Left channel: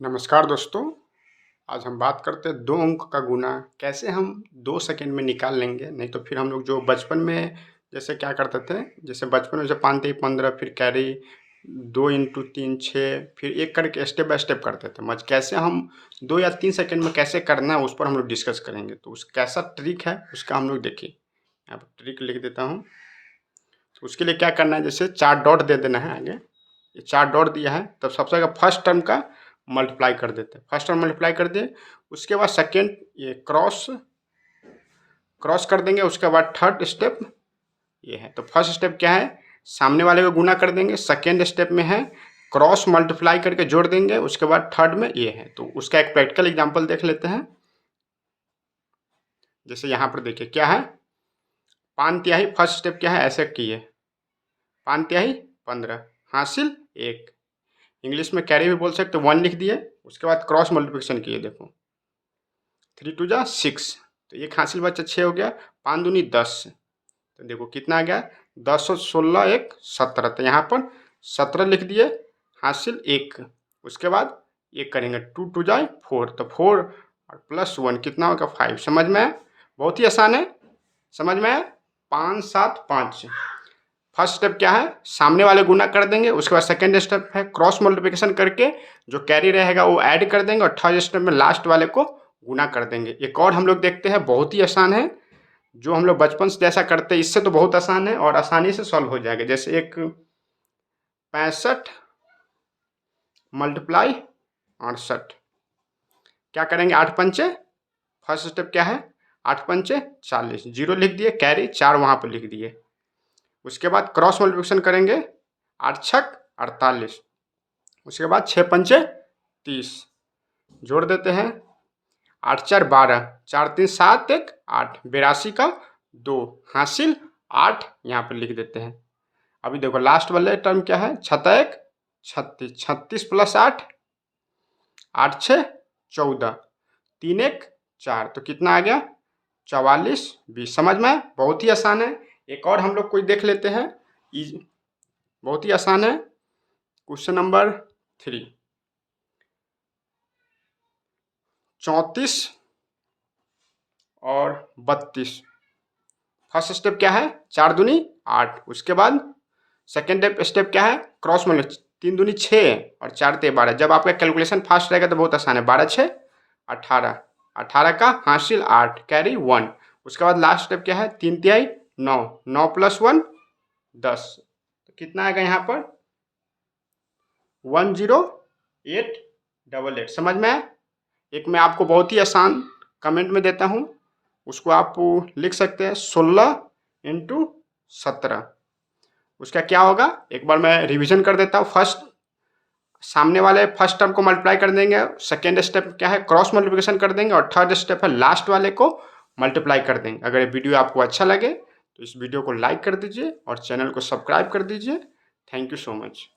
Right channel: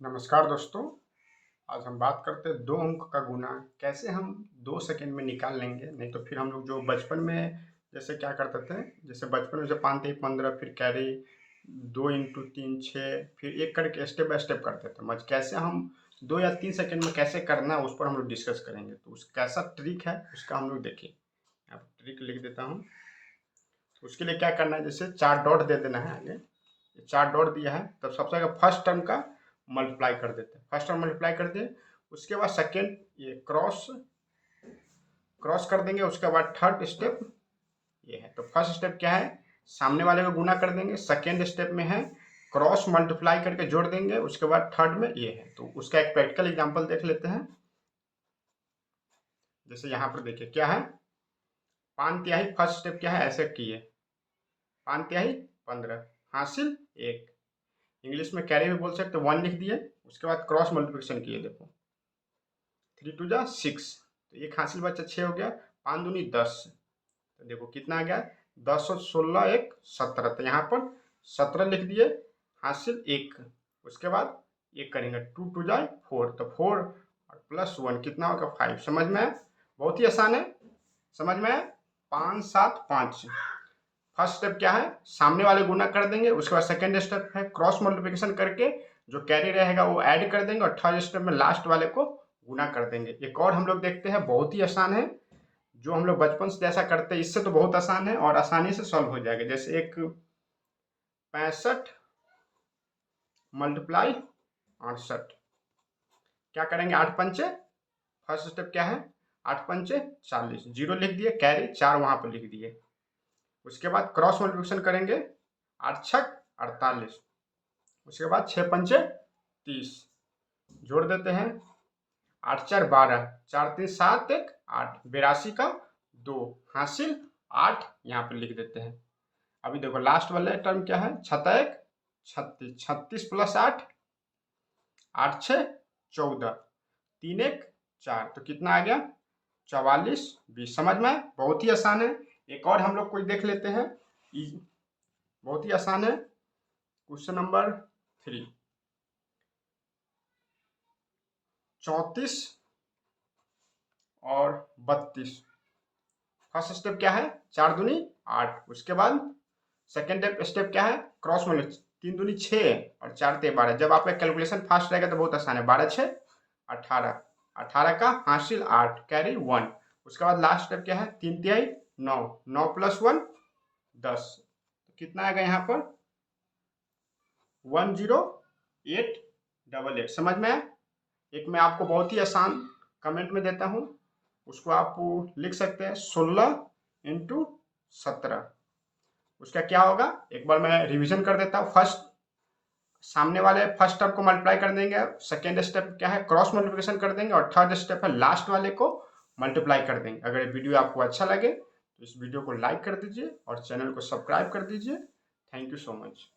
नमस्कार दोस्तों, आज हम बात करते हैं 2 अंक का गुणा कैसे हम 2 सेकंड में निकाल लेंगे। नहीं तो फिर हम लोग जो बचपन में जैसे क्या करते थे, जैसे बचपन में जब 5 तिया 15 फिर कैरी 2 इंटू 3 6 फिर एक करके स्टेप बाय स्टेप करते थे। मज कैसे हम 2 या 3 सेकंड में कैसे करना है उस पर हम लोग डिस्कस करेंगे। तो उस कैसा ट्रिक है उसका हम लोग देखिए। यहाँ पर ट्रिक लिख देता हूँ। तो उसके लिए क्या करना है, जैसे 4 डॉट दे देना है आगे। ये 4 डॉट दिया है तब सबसे आगे फर्स्ट टर्म का मल्टीप्लाई कर देते हैं। फर्स्ट टर्म मल्टीप्लाई कर दिए, उसके बाद सेकेंड ये क्रॉस क्रॉस कर देंगे। उसके बाद थर्ड स्टेप ये है। तो फर्स्ट स्टेप क्या है, सामने वाले को गुना कर देंगे। सेकेंड स्टेप में है क्रॉस मल्टीप्लाई करके जोड़ देंगे। उसके बाद थर्ड में ये है। तो उसका एक प्रैक्टिकल एग्जांपल देख लेते हैं। जैसे यहाँ पर देखिए क्या है, 5 तिहाई फर्स्ट स्टेप क्या है, ऐसे किए 5 तिहाई 15 हासिल 1। इंग्लिश में कैरी भी बोल सकते 1 लिख दिए। उसके बाद क्रॉस मल्टीप्लिकेशन किए, देखो 3 2 जा 6। तो एक हासिल बच्चा 6 हो गया। 5 दूनी 10। तो देखो कितना आ गया, 10 और 16 1 17। तो यहाँ पर 17 लिख दिए हासिल 1। उसके बाद ये करेंगे 2 2 जाए 4। तो 4 और प्लस 1 कितना होगा 5। समझ में आया? बहुत ही आसान है, समझ में आया? 5 7 5। फर्स्ट स्टेप क्या है, सामने वाले गुना कर देंगे। उसके बाद सेकेंड स्टेप है क्रॉस मल्टीप्लिकेशन करके जो कैरी रहेगा वो ऐड कर देंगे। और थर्ड स्टेप में लास्ट वाले को गुना कर देंगे। एक और हम लोग देखते हैं, बहुत ही आसान है, जो हम लोग बचपन से जैसा करते हैं इससे तो बहुत आसान है और आसानी से सॉल्व हो जाएगा। जैसे एक 65 मल्टीप्लाई 68, क्या करेंगे 8 पंचे, फर्स्ट स्टेप क्या है 8 पंचे 40, जीरो लिख दिए, कैरी 4 वहाँ पर लिख दिए। उसके बाद क्रॉस मल्टीप्लिकेशन करेंगे, 8 छक 48। उसके बाद 6 पंचे 30, जोड़ देते हैं 8 4 12, 4 3 7 1 8, 82 का 2 हासिल 8 यहाँ पर लिख देते हैं। अभी देखो लास्ट वाले टर्म क्या है, 6 1 36, 36 प्लस 8 8 6 14, 3 1 4। तो कितना आ गया 44 20। समझ में? बहुत ही आसान है। एक और हम लोग कोई देख लेते हैं, बहुत ही आसान है। क्वेश्चन नंबर 3, 34 और 32। फर्स्ट स्टेप क्या है 4 दूनी 8। उसके बाद सेकेंड स्टेप क्या है क्रॉस मल्टी, 3 दूनी 6 और 4 ते 12। जब आपका कैलकुलेशन फास्ट रहेगा तो बहुत आसान है। 12 6 18, 18 का हासिल 8, कैरी 1। उसके बाद लास्ट स्टेप क्या है 3 तिहाई 9, 9 प्लस 1 10। तो कितना आएगा यहाँ पर 10888। समझ में आया? एक मैं आपको बहुत ही आसान कमेंट में देता हूँ, उसको आप लिख सकते हैं 16 इंटू 17। उसका क्या होगा, एक बार मैं रिवीजन कर देता हूँ। फर्स्ट सामने वाले फर्स्ट टर्म को मल्टीप्लाई कर देंगे। सेकेंड स्टेप क्या है क्रॉस मल्टीप्लिकेशन कर देंगे। और थर्ड स्टेप है लास्ट वाले को मल्टीप्लाई कर देंगे। अगर ये वीडियो आपको अच्छा लगे तो इस वीडियो को लाइक कर दीजिए और चैनल को सब्सक्राइब कर दीजिए। Thank you so much.